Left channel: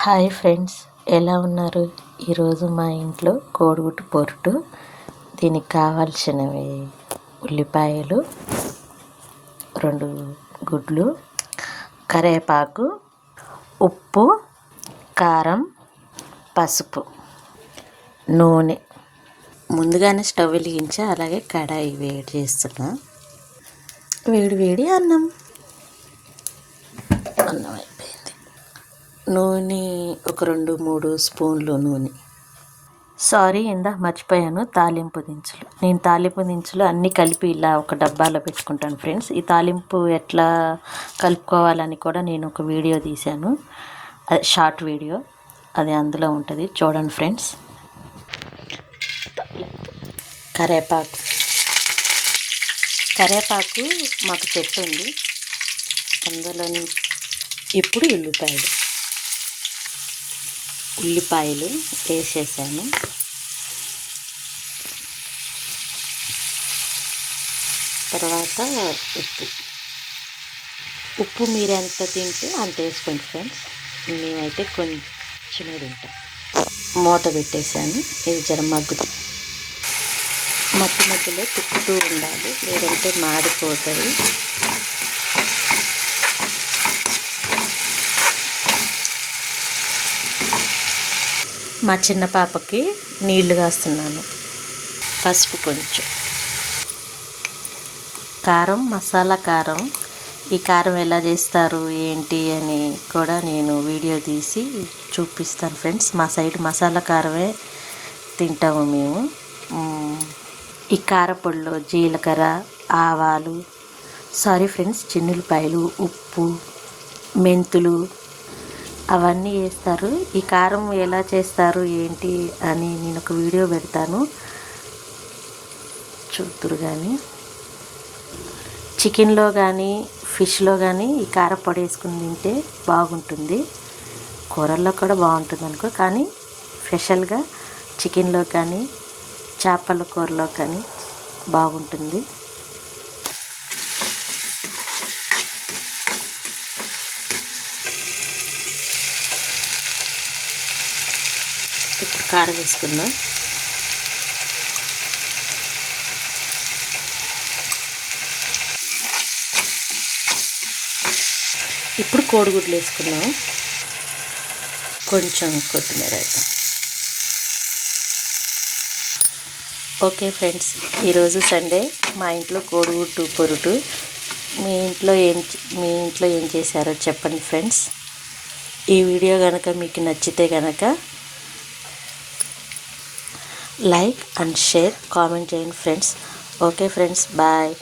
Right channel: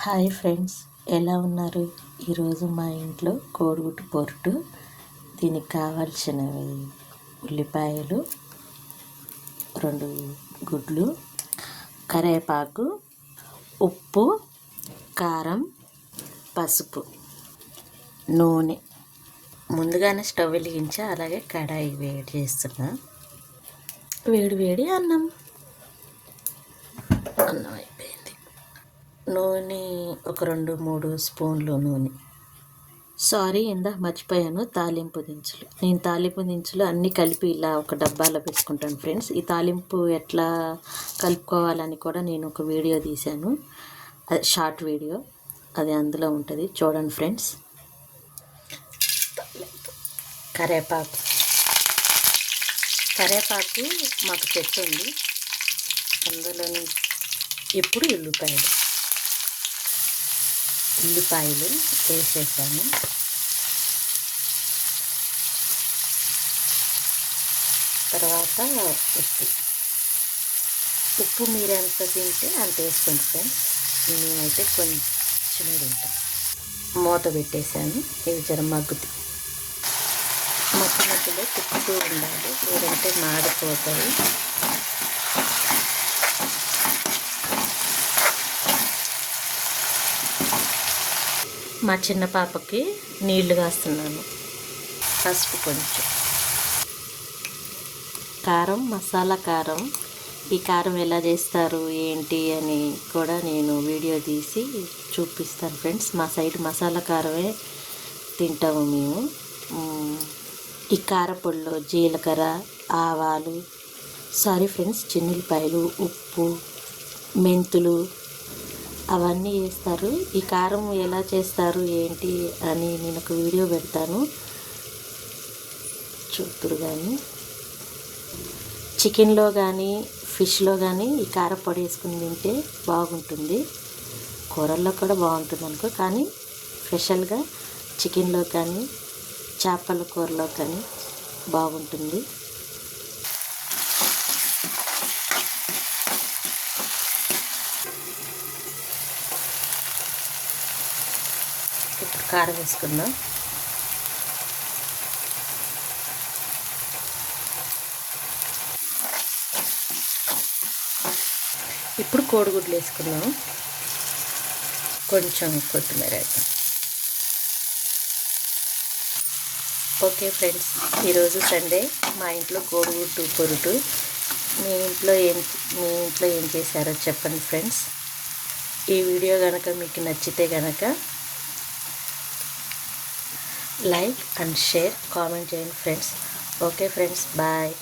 Hi friends, ఎలా ఉన్నారు? ఈరోజు మా ఇంట్లో కోడిగుడ్డు పొరుటు. దీనికి కావాల్సినవి ఉల్లిపాయలు, 2 గుడ్లు, కరివేపాకు, ఉప్పు, కారం, పసుపు, నూనె. ముందుగానే స్టవ్ వెలిగించి అలాగే కడాయి వేడి చేస్తున్నా. వేడి అన్నం అయిపోయింది. నూనె ఒక 2-3 స్పూన్లు నూనె. సారీ, ఇందాక మర్చిపోయాను. తాలింపు దినుసులు. నేను తాలింపు దినుసులు అన్నీ కలిపి ఇలా ఒక డబ్బాలో పెట్టుకుంటాను ఫ్రెండ్స్. ఈ తాలింపు ఎట్లా కలుపుకోవాలని కూడా నేను ఒక వీడియో తీశాను, అది షార్ట్ వీడియో, అది అందులో ఉంటుంది, చూడండి ఫ్రెండ్స్. కరివేపాకు మాకు చెట్టు ఉంది, అందులో. ఇప్పుడు ఉల్లిపాయలు వేసేసాను. తర్వాత ఉప్పు మీరు ఎంత తింటే అంత వేసుకోండి ఫ్రెండ్స్. నేనైతే కొంచెం తింటాను. మూత పెట్టేసాను. ఇది జర మధ్యలో తిప్పుతూ ఉండాలి, లేదంటే మాడిపోతుంది. మా చిన్న పాపకి నీళ్లు కాస్తున్నాను. పసుపు కొంచెం, కారం, మసాలా కారం. ఈ కారం ఎలా చేస్తారు ఏంటి అని కూడా నేను వీడియో తీసి చూపిస్తాను ఫ్రెండ్స్. మా సైడ్ మసాలా కారమే తింటాము మేము. ఈ కారపొడిలో జీలకర్ర, ఆవాలు, చిన్నులపాయలు, ఉప్పు, మెంతులు అవన్నీ వేస్తారు. ఈ కారం ఎలా చేస్తారు ఏంటి అని నేను ఒక వీడియో పెడతాను, చూతురు. కానీ చికెన్లో కానీ ఫిష్లో కానీ ఈ కారపొడి వేసుకుని తింటే బాగుంటుంది. కూరల్లో కూడా బాగుంటుంది అనుకో, కానీ స్పెషల్గా చికెన్లో కానీ చేపల కూరలో కానీ బాగుంటుంది. ఇప్పుడు కారం వేసుకుందాం. ఇప్పుడు కోడిగుడ్లు వేసుకున్నాము. కొంచెం కొత్తిమీర. ఓకే ఫ్రెండ్స్, ఈరోజు సండే, మా ఇంట్లో కోడిగుడ్డు పొరుటు. మీ ఇంట్లో ఏం చేశారో చెప్పండి ఫ్రెండ్స్. ఈ వీడియో కనుక మీకు నచ్చితే కనుక లైక్ అండ్ షేర్, కామెంట్ చేయండి ఫ్రెండ్స్. Okay friends, bye.